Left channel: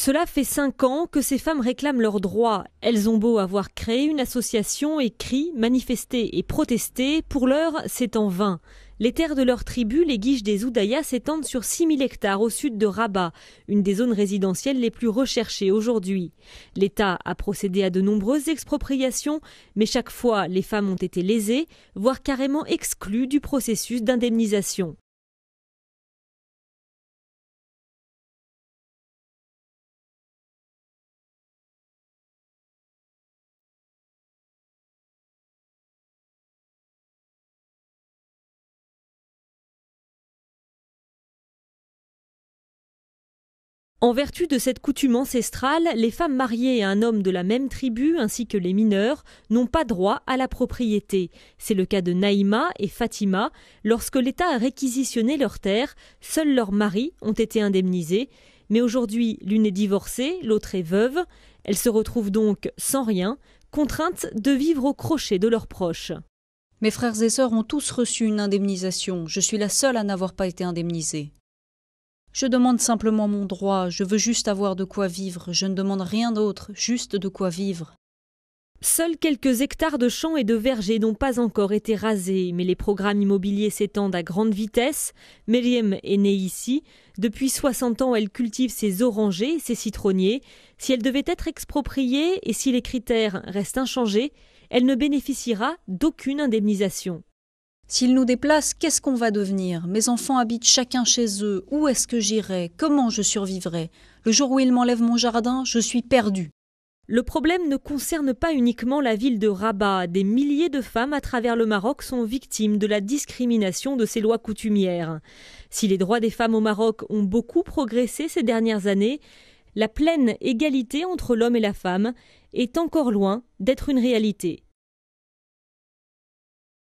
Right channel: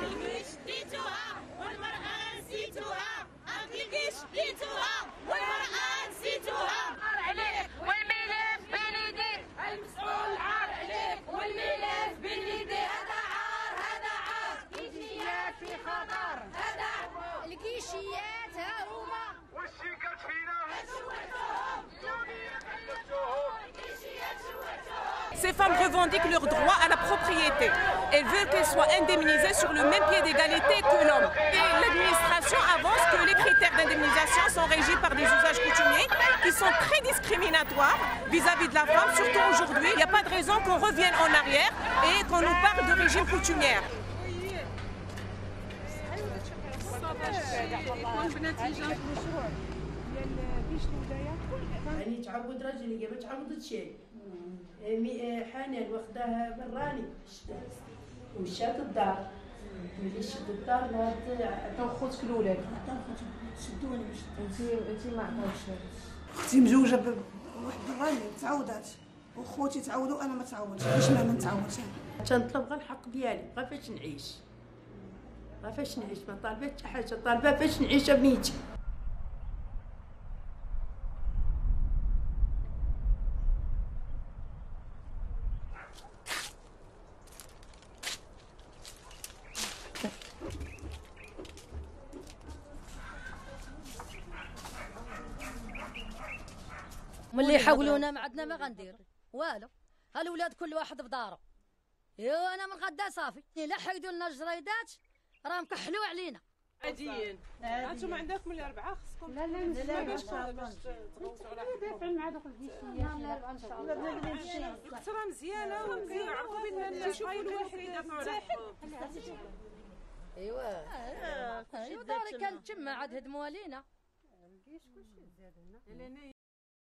Cela fait 5 ans que ces femmes réclament leurs droits. Elles ont beau avoir créé une association, écrit, manifesté et protesté, pour l'heure, c'est en vain. Les terres de leur tribu, les Guiches des Oudayas, s'étendent sur 6000 hectares au sud de Rabat, une des zones résidentielles les plus recherchées aujourd'hui. L'État a procédé à de nombreuses expropriations, mais chaque fois, les femmes ont été lésées, voire carrément exclues du processus d'indemnisation. Ces femmes revendiquent leur droit à la propriété. Elles veulent qu'elles soient indemnisées sur le même pied d'égalité que l'homme. Et l'administration avance que les critères d'indemnisation sont régis par des usages coutumiers qui sont très discriminatoires vis-à-vis de la femme, surtout aujourd'hui. Il n'y a pas de raison qu'on revienne en arrière et qu'on nous parle de régime coutumière. En vertu de cette coutume ancestrale, les femmes mariées à un homme de la même tribu ainsi que les mineurs n'ont pas droit à la propriété. C'est le cas de Naïma et Fatima. Lorsque l'État a réquisitionné leurs terres, seuls leurs maris ont été indemnisés. Mais aujourd'hui, l'une est divorcée, l'autre est veuve. Elles se retrouvent donc sans rien, contraintes de vivre au crochet de leurs proches. Mes frères et sœurs ont tous reçu une indemnisation. Je suis la seule à n'avoir pas été indemnisée. Je demande simplement mon droit. Je veux juste avoir de quoi vivre. Je ne demande rien d'autre, juste de quoi vivre. Seuls quelques hectares de champs et de vergers n'ont pas encore été rasés, mais les programmes immobiliers s'étendent à grande vitesse. Meriem est née ici. Depuis 60 ans, elle cultive ses orangers et ses citronniers. Si elle devait être expropriée et si les critères restent inchangés, elle ne bénéficiera d'aucune indemnisation. S'ils nous déplacent, qu'est-ce qu'on va devenir? Mes enfants habitent chacun chez eux. Où est-ce que j'irai? Comment je survivrai? Le jour où ils m'enlèvent mon jardin, je suis perdue. Le problème ne concerne pas uniquement la ville de Rabat. Des milliers de femmes à travers le Maroc sont victimes de la discrimination de ces lois coutumières. Si les droits des femmes au Maroc ont beaucoup progressé ces dernières années, la pleine égalité entre l'homme et la femme est encore loin d'être une réalité.